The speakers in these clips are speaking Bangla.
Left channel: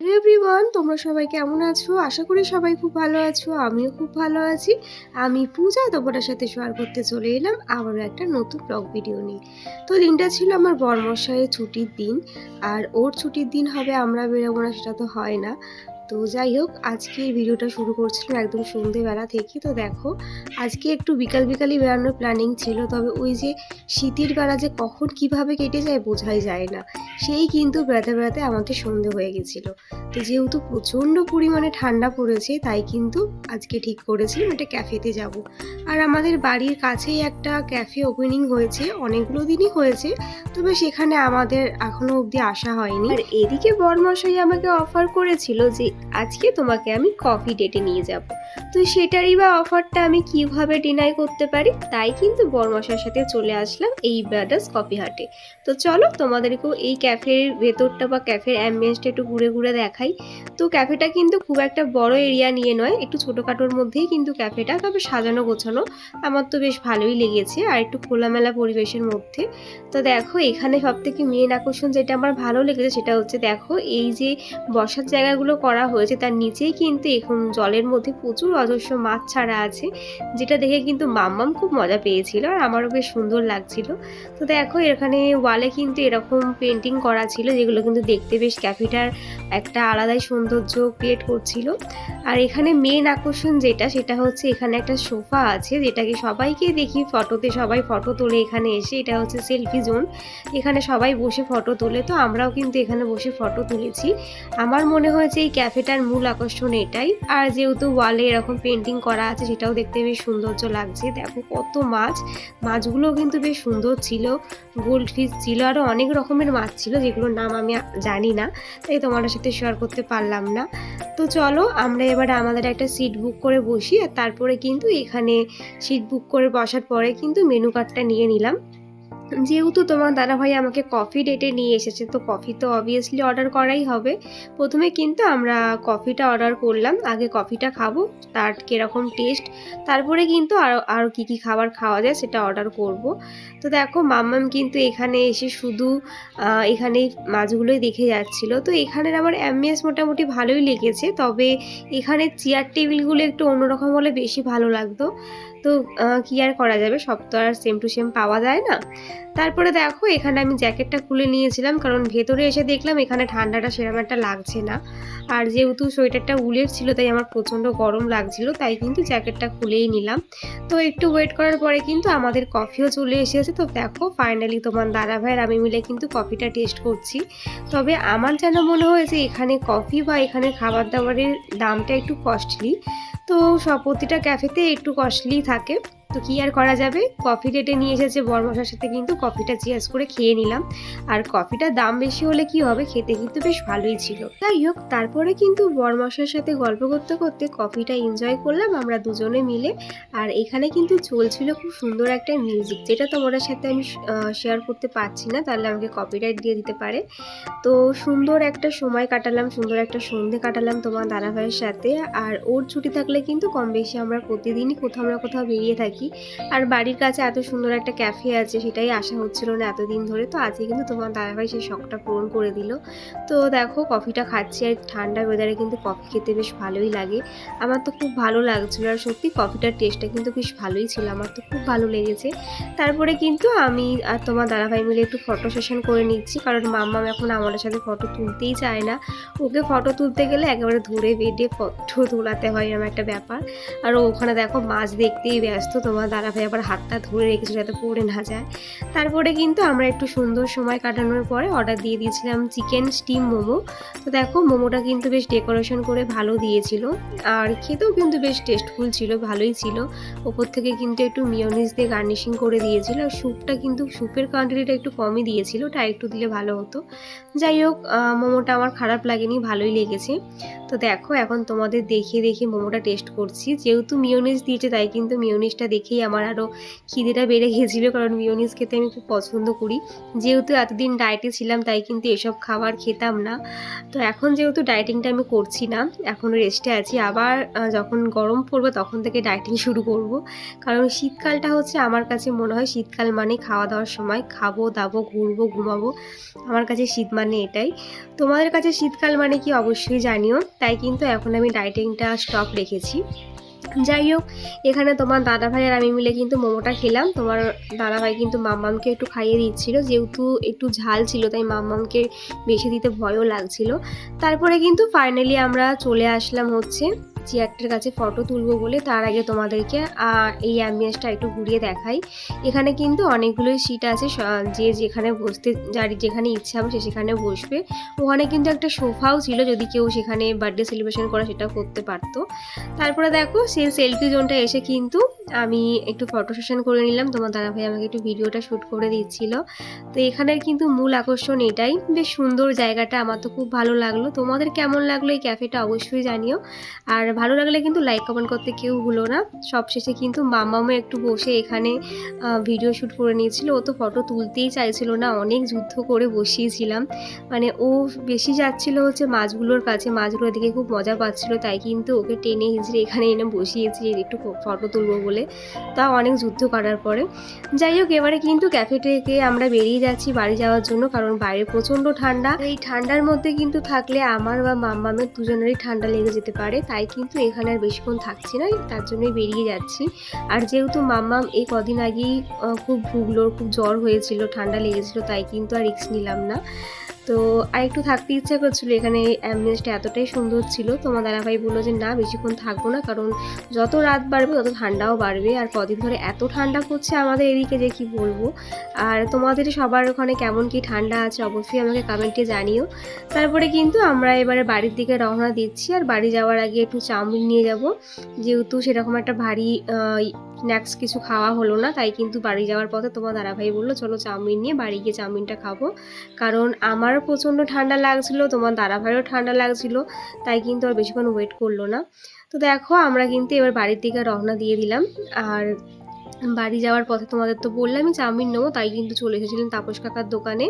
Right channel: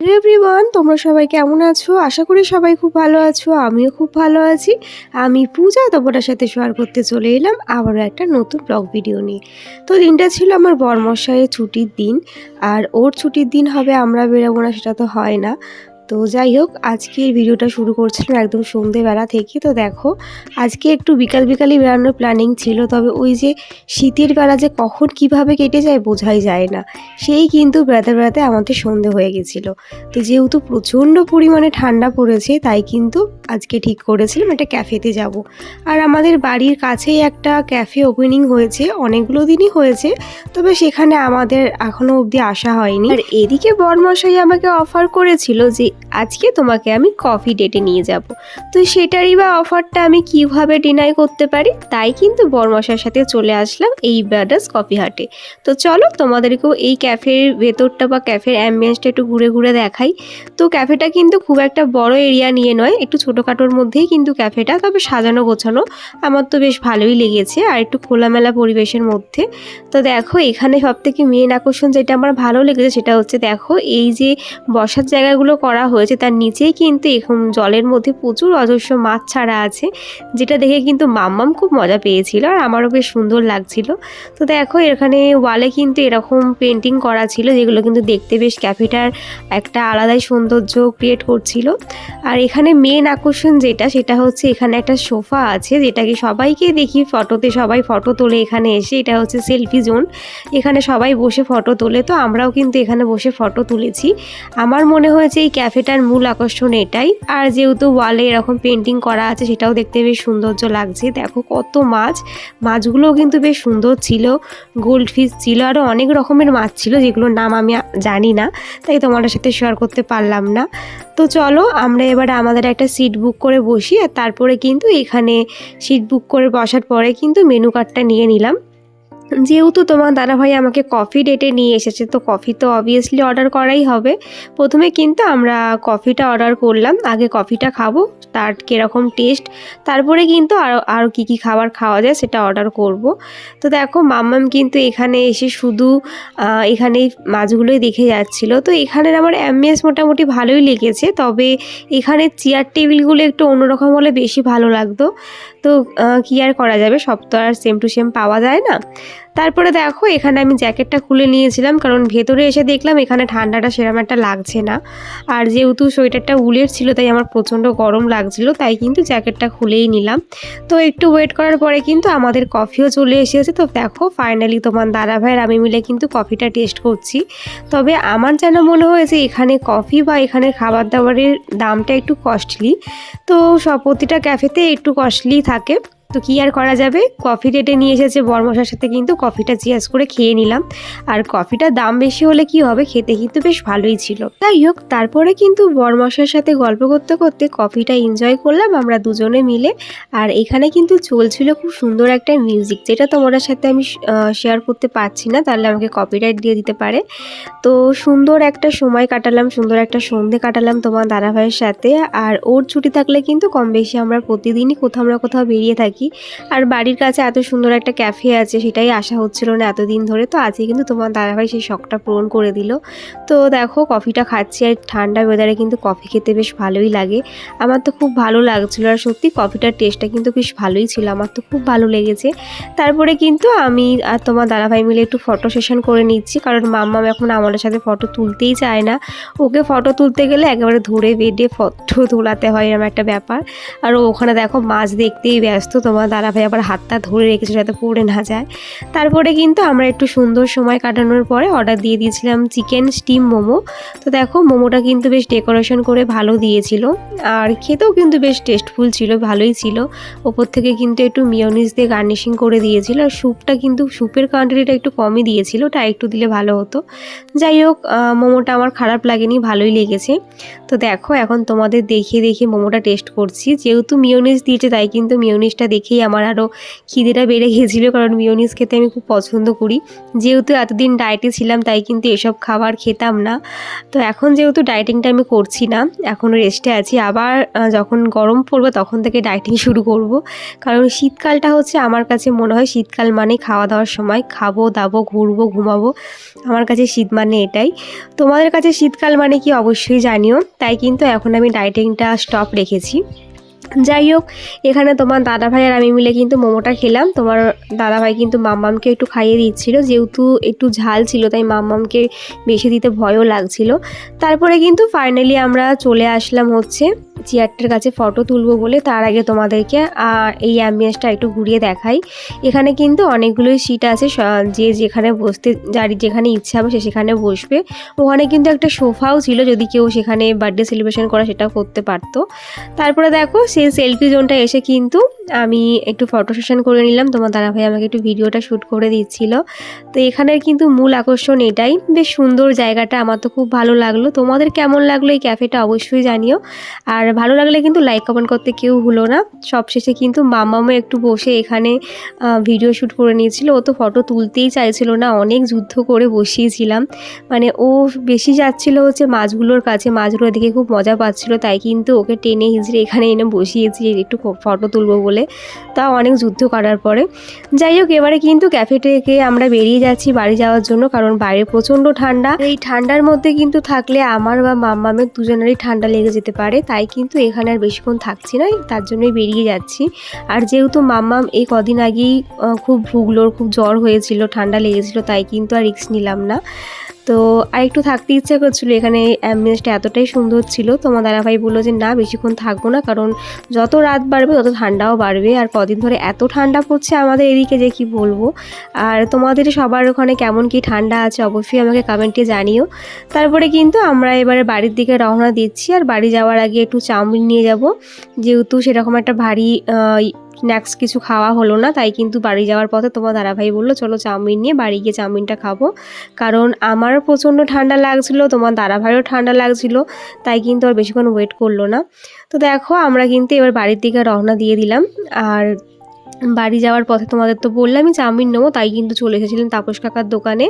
হ্যালো এভরিওয়ান, তোমরা সবাই কেমন আছো? আশা করি সবাই খুব ভালো আছো। আমিও খুব ভালো আছি। আমি পূজা তোমাদের সাথে শেয়ার করতে চলে এলাম আবারও একটা নতুন ব্লগ ভিডিও নিয়ে। তো দিনটা ছিল আমার বরমশাইয়ের ছুটির দিন। আর ওর ছুটির দিন হবে আমরা বেরোবো না সেটা তো হয় না। তো যাই হোক, আজকে এই ভিডিওটা শুরু করছিলাম একদম সন্ধেবেলা থেকে। তো দেখো, আজকে একটু বিকালই বেড়ানোর প্ল্যানিং ছিল, তবে ওই যে শীতের বেলা যে কখন কিভাবে কেটে যায় বোঝাই যায় না। সেই কিন্তু বেড়াতে বেড়াতে আমাদের সন্ধে হয়ে গেছিলো। তো যেহেতু প্রচণ্ড পরিমাণে ঠান্ডা পড়েছে, তাই কিন্তু আজকে ঠিক করেছিলাম একটা ক্যাফেতে যাব। আর আমাদের বাড়ির কাছেই একটা ক্যাফে ওপেনিং হয়েছে, অনেকগুলো দিনই হয়েছে, তবে সেখানে আমাদের এখনও অবধি আসা হয়নি। আর এদিকে বরমশাই আমাকে অফার করেছিল যে আজকে তোমাকে আমি কফি ডেটে নিয়ে যাব। তো সেটারই বা অফারটা আমি কিভাবে ডিনাই করতে পারি, তাই কিন্তু বরমশাইয়ের সাথে চলে আসলাম এই ব্রাদার্স কফি হাটে। তো চলো তোমাদেরকেও এই ক্যাফের ভেতরটা বা ক্যাফের অ্যাম্বিয়েন্সটা একটু ঘুরে ঘুরে দেখাই। তো ক্যাফেটা কিন্তু খুব একটা বড় এরিয়া নিয়ে নয়, একটু ছোটোখাটোর মধ্যেই কিন্তু ক্যাফেটা, তবে সাজানো গোছানো আমার তো বেশ ভালোই লেগেছে, আর একটু খোলামেলা পরিবেশের মধ্যে। তো দেখো, এখানে সবথেকে মেন আকর্ষণ যেটা আমার ভালো লেগেছে সেটা হচ্ছে, দেখো এই যে বসার জায়গাগুলো করা হয়েছে তার নিচেই কিন্তু এখন জলের মধ্যে প্রচুর অজস্র মাছ ছাড়া আছে, যেটা দেখে কিন্তু মাম্মাম খুব মজা পেয়েছিল আর আমারও বেশ সুন্দর লাগছিল। তো দেখো, এখানে ওয়ালে কিন্তু এরকম পেন্টিং করা ছিল, যেগুলো কিন্তু দেখতে বেশ ক্যাফেটার একটা আলাদাই সৌন্দর্য ক্রিয়েট করছিল। আর এখানে মেন আকর্ষণ যেটা, সেটা হচ্ছে এখানে একটা সোফা আছে, যেটাকে সবাইকে দেখি ফটোতে, সবাই ফটো তোলে এখানে এসে। এটা হচ্ছে সেলফি জোন, এখানে সবাই বসে ফটো তোলে। তো আমরাও কিন্তু এখানে বসে ফটো তুলেছি। আমার মনে হয়েছে এই ক্যাফেটার মূল আকর্ষণ এটাই। আর যেহেতু ওয়ালে এরকম পেন্টিং করা আছে, সেটাও দেখতে বেশ সৌন্দর্য লাগছে। দেখো কত মাছ, মাছগুলোও কিন্তু বেশ সুন্দর ছিল। গোল্ড ফিশ ছিল, আরও অনেক রকমের মাছ ছিল যেগুলোর নাম আমি জানি না, তাই তোমাদের সাথে শেয়ার করতে পারলাম না। তো চলো আমরা এবার আমাদের একটা সিট বুক করে বসি, আর তারপরে কিন্তু এখানে সিট বুক করে বসার পরে কিন্তু মেনু কার্ডটা নিয়ে নিলাম। যেহেতু তোমার দাদাভাই আমাকে কফি ডেটে নিয়ে এসেছে, তো কফি তো অবভিয়াসলি অর্ডার করাই হবে। প্রথমে কিন্তু আমরা কফিটা অর্ডার করলাম, আগে কফিটা খাবো, তার কীরকম টেস্ট, তারপরে কিন্তু আরও কী খাবার খাওয়া যায় সেটা অর্ডার করব। তো দেখো, মাম্মাম কিন্তু এখানে এসে শুধু এখানে মাছগুলোই দেখে যাচ্ছিল। তো এখানের আমার অ্যাম্বিয়েন্স মোটামুটি ভালোই লেগেছে, তবে এখানে চেয়ার টেবিলগুলো একটু অন্যরকম হলে বেশি ভালো লাগতো। তো কী আর করা যাবে, সব তো আর সেম টু সেম পাওয়া যায় না। তারপরে দেখো, এখানে আমি জ্যাকেটটা খুলে নিয়েছিলাম, কারণ ভেতরে এসে দেখলাম এখানে ঠান্ডাটা সেরকম একটা লাগছে না। আর যেহেতু সোয়েটারটা উলের ছিল, তাই আমার প্রচণ্ড গরম লাগছিল, তাই কিন্তু জ্যাকেটটা খুলেই নিলাম। তো একটু ওয়েট করার পরে কিন্তু আমাদের কফিও চলে এসেছে। তো দেখো, ফাইনালি তোমার দাদাভাইয়ের আমি মিলে কিন্তু কফিটা টেস্ট করছি। তবে আমার যেন মনে হয়েছে এখানে কফি বা এখানে খাবার দাবারের দামটা একটু কস্টলি। তো প্রতিটা ক্যাফেতে একটু কস্টলি থাকে, তো কী আর করা যাবে, কফি ডেটে নিয়ে এসেছে বরমশার সাথে কিন্তু কফিটা জিজ্ঞেস করে খেয়ে নিলাম। আর কফিটার দাম বেশি হলে কি হবে, খেতে কিন্তু বেশ ভালোই ছিল। যাই হোক, তারপরে কিন্তু বরমশার সাথে গল্প করতে করতে কফিটা এনজয় করলাম আমরা দুজনে মিলে। আর এখানে কিন্তু চলছিল খুব সুন্দর একটা মিউজিক, যেটা তোমাদের সাথে আমি শেয়ার করতে পারছি না, তাহলে আমাকে কপিরাইট দিয়ে দিতে পারে। তো সুন্দর একটা সময় কাটালাম, সুন্দর একটা সন্ধে কাটালাম তোমার দাদাভাইয়ের সাথে। আর ওর ছুটি থাকলে কিন্তু কম বেশি আমরা প্রতিদিনই কোথাও না কোথাও বেরিয়ে থাকি। আর বাড়ির কাছে এত সুন্দর একটা ক্যাফে আছে, সেটাই আশা হচ্ছিল না এতদিন ধরে। তো আজকে কিন্তু তোমার দাদাভাই সেই শখটা পূরণ করে দিল। তো দেখো, কফিটা খাচ্ছি, আর ঠান্ডা ওয়েদারে কিন্তু কফি খেতে বেশ ভালোই লাগে। আমার তো খুব ভালো লাগছিলো, আর সত্যি কফিটার টেস্টটা কিন্তু বেশ ভালোই ছিল, আমার তো খুব ভালো লেগেছে। তারপরে কিন্তু আমি আর তোমার দাদাভাই মিলে একটু ফটো সেশন করে নিচ্ছি, কারণ মাম্মাম এখন আমাদের সাথে ফটো তুলতেই চায় না। ওকে ফটো তুলতে গেলে একেবারে ধরে বেঁধে ফটো তোলাতে হয়, এরকম একটা ব্যাপার। আর ওখানে দেখো মাছ দেখতেই ব্যস্ত, তোমার দাদাভাই আবার হাতটা ধরে রেখেছে যাতে পড়ে না যায়। তারপরে কিন্তু আমরা একটু সুন্দর সময় কাটানোর পরে অর্ডার দিয়ে দিয়েছিলাম চিকেন স্টিম মোমো। তো দেখো, মোমোটা কিন্তু বেশ ডেকোরেশন করে ভালো দিয়েছিল, আর খেতেও কিন্তু বেশ টেস্টফুল ছিল, ভালোই ছিল। ওপর থেকে কিন্তু একটু মিয়োনিজ দিয়ে গার্নিশিং করে দিয়েছিল, আর স্যুপটা কিন্তু স্যুপের কোয়ান্টিটিটা একটু কমই দিয়েছিল, ওটা একটু দিলে ভালো হতো। যাই হোক, মোমোটা আমার খারাপ লাগেনি, ভালোই লেগেছে। তো দেখো, এখন তোমাদের দেখিয়ে দেখিয়ে মোমোটা টেস্ট করছি, যেহেতু মিয়োনিজ দিয়েছে তাই কিন্তু মিয়োনিজটা দেখেই আমার আরও খিদেটা বেড়ে গিয়েছিলো, কারণ মিওনিজ খেতে আমি খুব পছন্দ করি। যেহেতু এতদিন ডায়েটে ছিলাম তাই কিন্তু এসব খাবার খেতাম না। তো এখন যেহেতু ডায়েটিংটা আমি করছি না, এখন রেস্টে আছি, আবার যখন গরম পড়বে তখন থেকে ডায়েটিং শুরু করব। কারণ শীতকালটা হচ্ছে আমার কাছে মনে হয় শীতকাল মানে খাওয়া দাওয়ার সময়, খাবো দাবো ঘুরবো ঘুমাবো, আমার কাছে শীত মানে এটাই। তোমাদের কাছে শীতকাল মানে কি অবশ্যই জানিও। তাই কিন্তু এখন আমি ডায়েটিংটা স্টপ রেখেছি। যাই হোক, এখানে তোমার দাদাভাই আর আমি মিলে কিন্তু মোমোটা খেলাম। তোমার দাদাভাই কিন্তু মাম্মামকে একটু খাইয়ে দিচ্ছিল, যেহেতু একটু ঝাল ছিল তাই মাম্মামকে বেশি দিতে ভয়ও লাগছিল। তারপরে কিন্তু ফাইনালি আমরা চলে আসলাম হচ্ছে চেয়ারটার কাছে ফটো তুলবো বলে। তার আগে তোমাদেরকে এই অ্যাম্বিয়েন্সটা একটু ঘুরিয়ে দেখাই। এখানে কিন্তু অনেকগুলোই সিট আছে, যে যেখানে বসতে যার যেখানে ইচ্ছা হবে সে সেখানে বসবে। ওখানে কিন্তু একটা সোফাও ছিল, যদি কেউ সেখানে বার্থডে সেলিব্রেশন করা সেটাও করতে পারতো। তারপরে দেখো সেই সেলফি জোনটা এসে কিন্তু আমি একটু ফটো সেশন করে নিলাম। তোমার দাদাভাই আমাকে একটু ভিডিওটা শ্যুট করে দিচ্ছিল। তো এখানের কিন্তু মূল আকর্ষণ এটাই, বেশ সুন্দর জায়গাটা, আমার তো খুব ভালো লাগলো। তোমাদের কেমন লাগলো এই ক্যাফেটা অবশ্যই জানিও। আর ভালো লাগলে কিন্তু লাইক কমেন্ট করতে কেউ ভুলো না। সবশেষে কিন্তু মামামও একটু বসে এখানে ভিডিও শ্যুট করে নিয়েছিল। ও তো ফটো তুলতেই চাইছিল না, অনেক যুদ্ধ করে বসিয়েছিলাম। মানে ও বেশি যাচ্ছিল হচ্ছে মাছগুলোর কাছে, মাছগুলো দেখে খুব মজা পাচ্ছিল, তাই কিন্তু ওকে টেনে হিঁচড়ে এখানে এনে বসিয়েছি একটু ফটো তুলবো বলে। তাও অনেক যুদ্ধ করার পরে যাই হোক, এবারে কিন্তু ক্যাফে থেকে আমরা বেরিয়ে যাচ্ছি বাড়ি যাওয়ার জন্য, কারণ বাইরে প্রচণ্ড ঠান্ডা। এই ঠান্ডার মধ্যে কিন্তু থাকলে আমার বা মাম্মামের দুজনেরই ঠান্ডা লেগে যেতে পারে, তাই কিন্তু এখানে আর বেশিক্ষণ থাকছি না, তার জন্যই বেরিয়ে যাচ্ছি। আর যেহেতু মাম্মাম এই কদিন আগেই খুব ভুগলোর, খুব জ্বর হয়েছিল, ঠান্ডা লেগেছিল, তাই কিন্তু আর রিস্ক নিলাম না। তো আর একটু থাকতে ইচ্ছা করছিলো, এখানে অ্যাম্বিয়েন্সটা এতটাই সুন্দর ছিল। তোমার দাদাভাই বললো যে না বেশিক্ষণ থাকবো না, কারণ যত রাত বাড়বে তত ঠান্ডাও বাড়বে। আর কদিন ধরে এত ঠান্ডা পড়ছে আমাদের এদিকে যে কি বলবো। আর তোমাদের সবার ওখানে কেমন কি ঠান্ডা আছে অবশ্যই আমাকে কমেন্টে জানিও। তারপরে কিন্তু আমরা এবারে বাড়ির দিকে রওনা দিচ্ছি। আর বাড়ি যাওয়ার আগে একটু চাউমিন নিয়ে যাব, যেহেতু সেরকম একটা ভারী স্ন্যাক্স কিছু খাওয়া হলো না, তাই কিন্তু বাড়ি যাওয়ার পথে তোমার দাদাভাই বললো চলো চাউমিন নিয়ে বাড়ি গিয়ে চাউমিনটা খাবো। কারণ আমারও প্রচণ্ড ঠান্ডা লাগছিলো, তোমার দাদাভাইও ঠান্ডা লাগছিলো, তাই কিন্তু আর বেশিক্ষণ ওয়েট করলো না। তো দেখো আমরা কিন্তু এবার বাড়ির দিকে রওনা দিয়ে দিলাম। আর বাড়ি যাওয়ার পথে তোমাদের তো বললামই চাউমিন নেবো, তাই কিন্তু চলে এসেছিলেন তাপস কাকার দোকানে।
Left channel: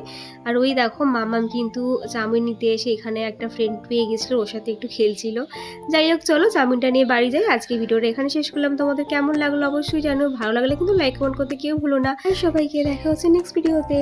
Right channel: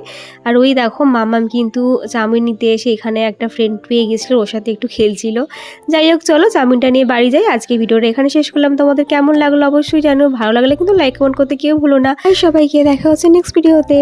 আর ওই দেখো মামাম কিন্তু চাউমিন নিতে এসে এখানে একটা ফ্রেন্ড পেয়ে গেছিলো, ওর সাথে একটু খেলছিল। যাই হোক চলো চাউমিনটা নিয়ে বাড়ি যাই। আজকে ভিডিওটা এখানে শেষ করলাম। তোমাদের কেমন লাগলো অবশ্যই জানো, ভালো লাগলে কিন্তু লাইক কমেন্ট করতে কেউ ভুলো না। আর সবাইকে দেখা হচ্ছে নেক্সট ভিডিওতে।